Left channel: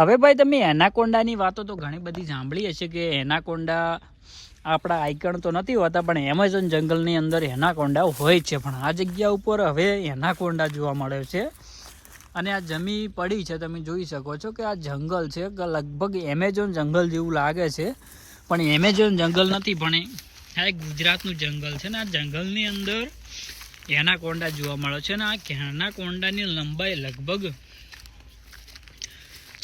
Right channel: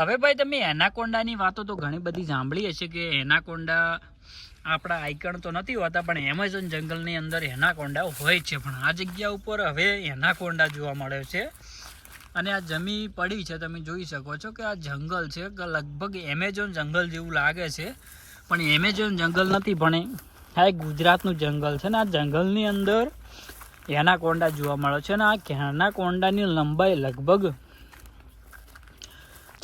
હવે ભાઈ તમે એનાકોન્ડાની વાતો તો ઘણી બધી સાંભળી હશે કે એનાકોન્ડા આપણા આઈકણ તો નથી હોતા, પણ એમેઝોન જંગલની અંદર એનાકોન્ડા હોય છે. પણ આ જગ્યા ઉપર હવે એનાકોન્ડા જોવા મળે છે. અને આ જમી પડી છે, તમે જોઈ શકો છો કે આ જંગલ છે લગભગ એમેઝોન જંગલ જેવું લાગે છે. પણ એમેઝોન જંગલ નથી, પણ આ એક ગુજરાતનું જંગલ છે ને, આ જંગલની અંદર એનાકોન્ડા જોવા મળે છે. ને આ એનાકોન્ડાની લંબાઈ લગભગ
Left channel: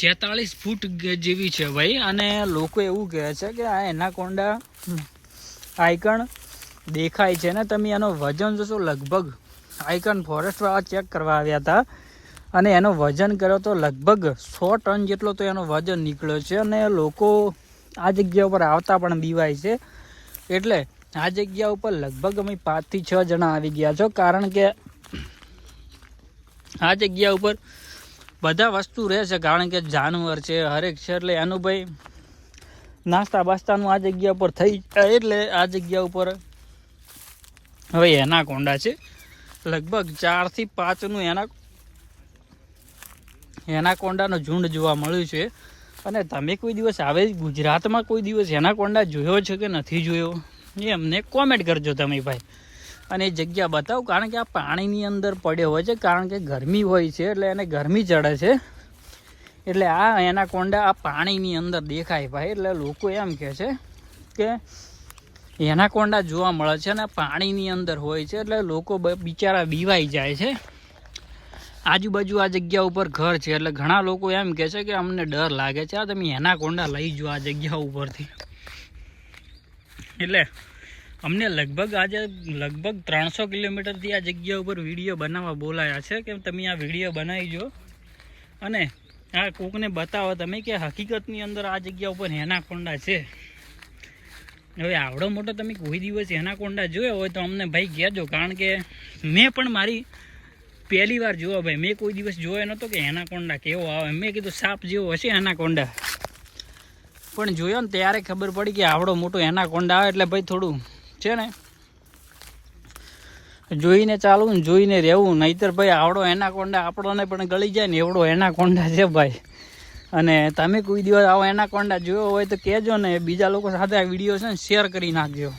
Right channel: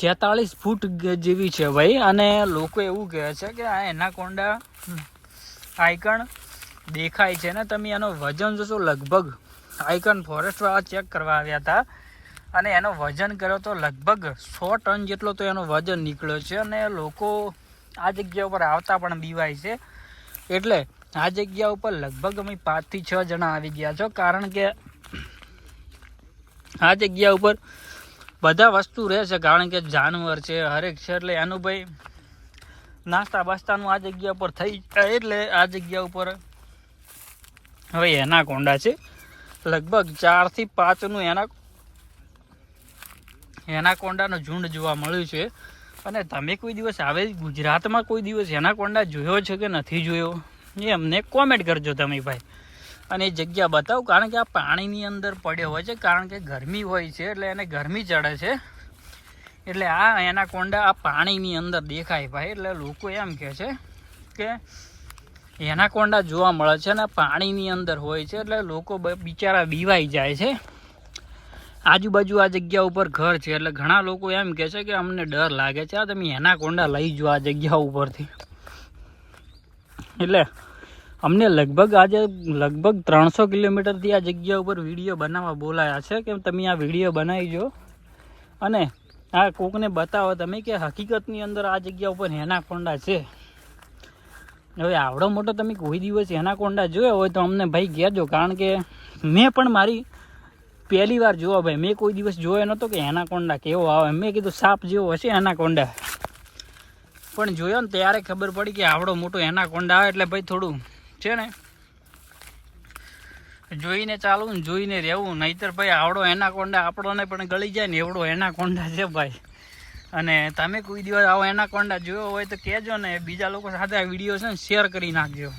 છેતાળીસ ફૂટ જેવી છે ભાઈ. અને લોકો એવું કહે છે કે આ એનાકોન્ડા આઈકણ દેખાય છે ને. તમે એનો વજન જોશો, લગભગ આઈકન ફોરેસ્ટ વાળા ચેક કરવા આવ્યા હતા. અને એનો વજન કર્યો તો લગભગ સો ટન જેટલો તો એનો વજન નીકળ્યો છે. અને લોકો આ જગ્યા ઉપર આવતા પણ દીવાય છે. એટલે આ જગ્યા ઉપર લગભગ અમે પાંચથી છ જણા આવી ગયા છો. કારણ કે આ જગ્યા ઉપર બધા વસ્તુ રહે છે, કારણ કે જાનવર છે, હરેક છે, એટલે એનું ભાઈ નાસ્તા બાસ્તાનું આ જગ્યા ઉપર થઈ જાય એટલે આ જગ્યા ઉપર હવે એના કોંડા છે. લગભગ ચારથી પાંચનું એના એના કોંડાનું ઝુંડ જોવા મળ્યું છે. અને તમે કોઈ દિવસ આવે ગુજરાતમાં કોઈ દિવસ એના કોંડા જોયો છે કે નથી જોયો? એ અમને કોમેન્ટ કરજો તમે ભાઈ. અને એ જગ્યા બતાવો, કારણ કે આ પાણીની અંદર પડ્યો હોય છે, કારણ કે ગરમી હોય છે, એટલે એને ગરમી ચડે છે. એટલે આ એના કોંડા આ પાણીની અંદર દેખાય ભાઈ, એટલે લોકો એમ કહે છે કે એના કોંડા જોવા મળે છે અને પાણીની અંદર હોય છે, એટલે લોકો બિચારા બીવાઈ જાય છે. આજુબાજુ આ જગ્યા ઉપર ઘર છે, એટલે ઘણા લોકો એમ કહે છે કે અમને ડર લાગે છે, આ તમે એના કોંડા લઈ જો આ જગ્યા ઉપરથી. એટલે અમને લગભગ આજે લગભગ ત્રણસો કિલોમીટરથી આ જગ્યા ઉપર વીડિયો બનાવવા બોલાયા છે કે તમે આ વીડિયો બનાવી જો. અને આ કોકને બતાવો તમે કે હકીકતની અંદર આ જગ્યા ઉપર હેનાકોંડા છે. હવે આવડો મોટો તમે કોઈ દિવસ હેનાકોંડા જોયો હોય તો અમને ભાઈ કહેજો, કારણ કે મેં પણ મારી પહેલી વાર જોવા ભાઈ. મેં કોઈ દિવસ જોયો નહોતો કે હેનાકોંડા કેવો આવે. મેં કીધું સાપ જેવો હશે હેનાકોંડા પણ જોયો ને ત્યારે ખબર પડી કે આવડો મોટો એનાકોન્ડા આવે એટલે ભાઈ થોડું છે ને? જોઈને ચાલવું જોઈને રહેવું. નહીતર ભાઈ, આવડો એના કોંડા આપણોને પણ ગળી જાય ને એવડો એના કોંડા છે ભાઈ. અને તમે કોઈ દિવસ આવો એના કોંડા જોયો હોય તો કહેજો ને, બીજા લોકો સાથે આ વીડિયો છે ને શેર કરી નાખજો.